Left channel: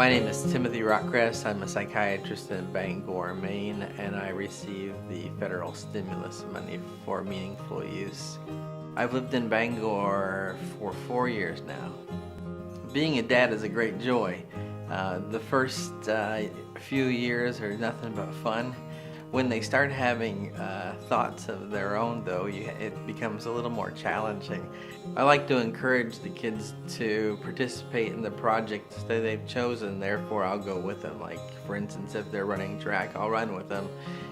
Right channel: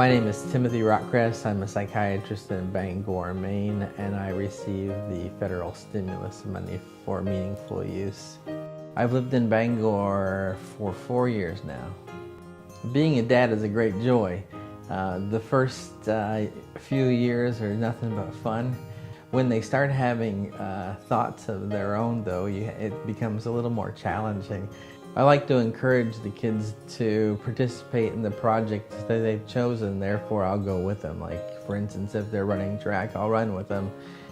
My name is Timothy Rockcress. I'm a psychiatrist in Bangor, Maine, and I receive the federal stimulus money for meaningful use. I've lived in Bangor for 4 years now. Being a dad is a great joy. The first few years are nothing but fun. When they start having thoughts of their own, though, it becomes a little more challenging. I like to encourage the kids to participate in the projects that they've chosen, therefore I'll go with them. Like, for instance, if they're running track, I'll run with them.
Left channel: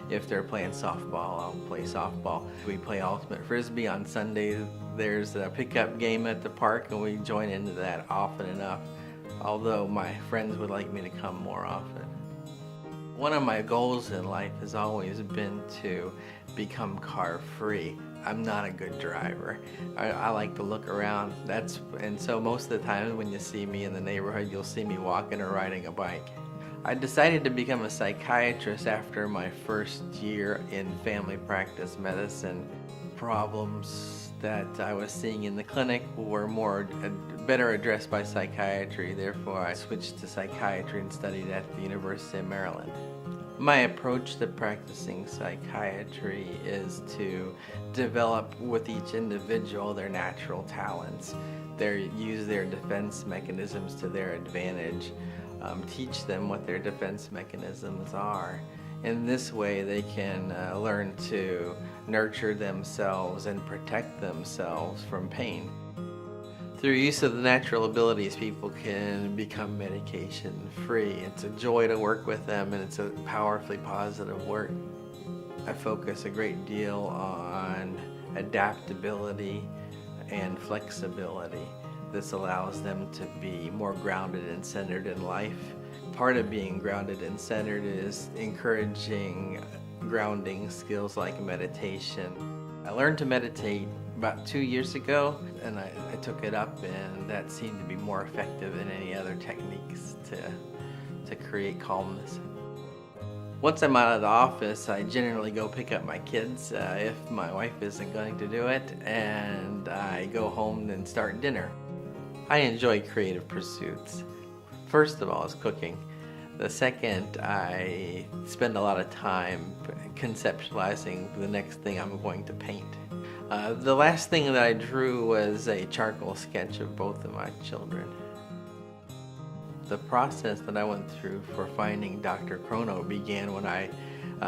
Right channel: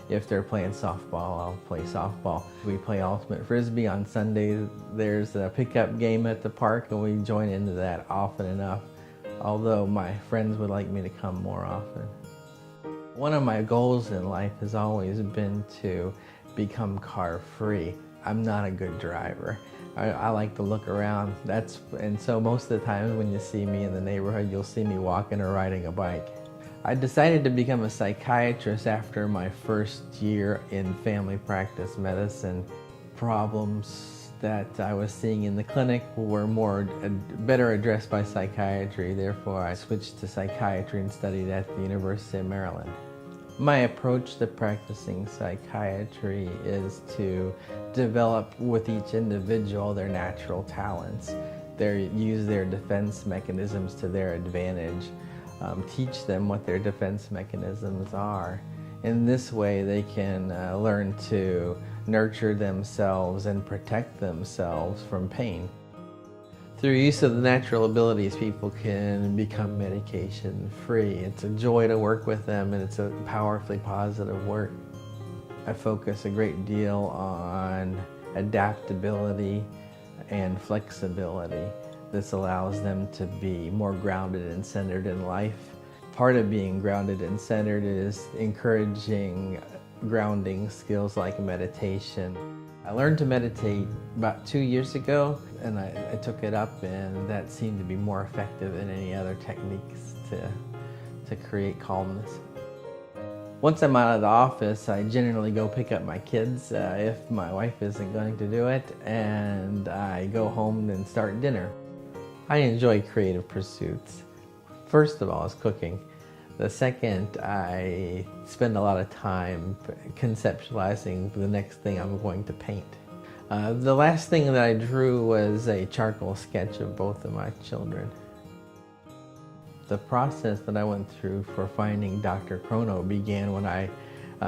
If they're playing softball, I'll play softball. We play ultimate frisbee on Sunday. There's a pickup game at the park, and we join into that often enough, although my friends would like me to come more often. One of my goals in life has always been to become car-free. I'm not a good driver. I like to look around. And so most of the time when you see me in the neighborhood, you'll see me walking or riding a bike. I decided to become a psychiatrist after my first year in family practice medicine. Problems that I was seeing in the clinic were better addressed by psychiatry. Therefore, I switched to psychiatry and studied at the University of Maryland. My approach to practicing psychiatry is to develop with each individual their natural talents, use their defense mechanisms to their advantage, teach them what their defense mechanisms are. In this way, they can learn to nurture themselves and protect themselves from pain. Through use of the natural abilities, people can become medication-free. It's a joy to work with them, and it's a powerfully positive work. I focus a great deal on adaptability and flexibility. This allows them to be more grounded and centered in life. Part of being grounded and centered is encouraging grounding skills like meditation. I learned to meditate about 2 years ago, and I took it up, and that seemed to be more effective than any other techniques to create calmness. Once I'm out of the office, I generally go pick up my kids if my wife isn't going to do it, and I go home and start dinner. I enjoy creative pursuits. First of all is cooking. The second, I spend a lot of time conceptualizing the next thing I'm going to paint. The last thing that I drew was a charcoal sketch of both of my children. The process that I went through for finding drchrono began when I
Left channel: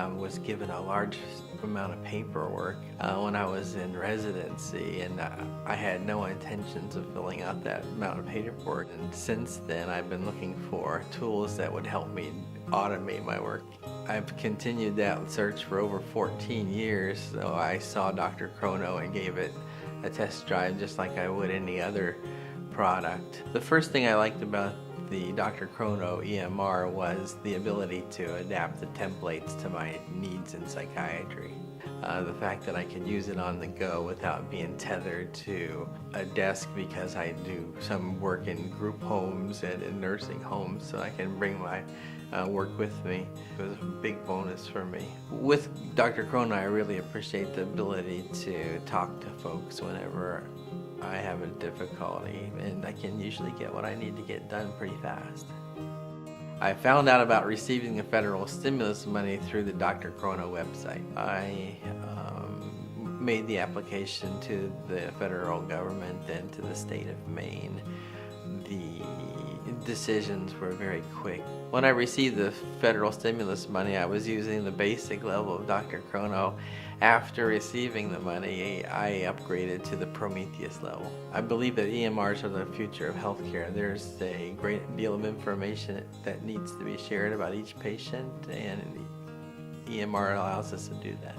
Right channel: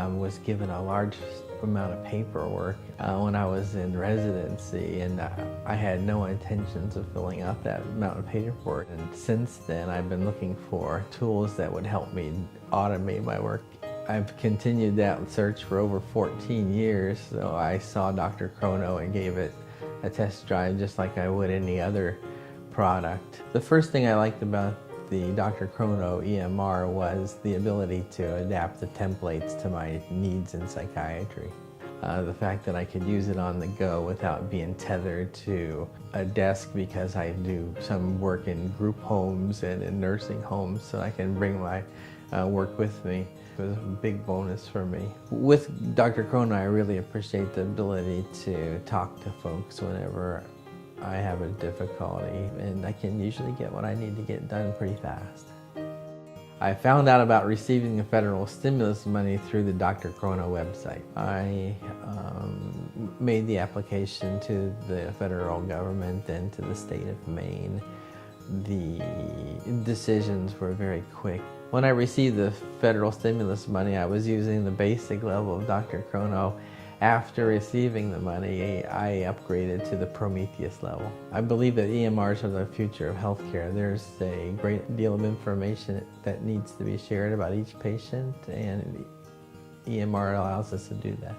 was given a large amount of paperwork when I was in residency, and I had no intentions of filling out that amount of paperwork. And since then, I've been looking for tools that would help me automate my work. I've continued that search for over 14 years, so I saw drchrono and gave it a test drive just like I would any other product. The first thing I liked about the drchrono EMR was the ability to adapt the templates to my needs in psychiatry. The fact that I could use it on the go without being tethered to a desk, because I do some work in group homes and in nursing homes, so I can bring my work with me. It was a big bonus for me. With drchrono, I really appreciate the ability to talk to folks whenever I have a difficulty, and I can usually get what I need to get done pretty fast. I found out about receiving the federal stimulus money through the drchrono website. I made the application to the federal government and to the state of Maine. The decisions were very quick. When I received the federal stimulus money, I was using the basic level of drchrono. After receiving the money, I upgraded to the Prometheus level. I believe that EMRs are the future of healthcare. There's a great deal of information that needs to be shared about each patient, and EMR allows us to do that.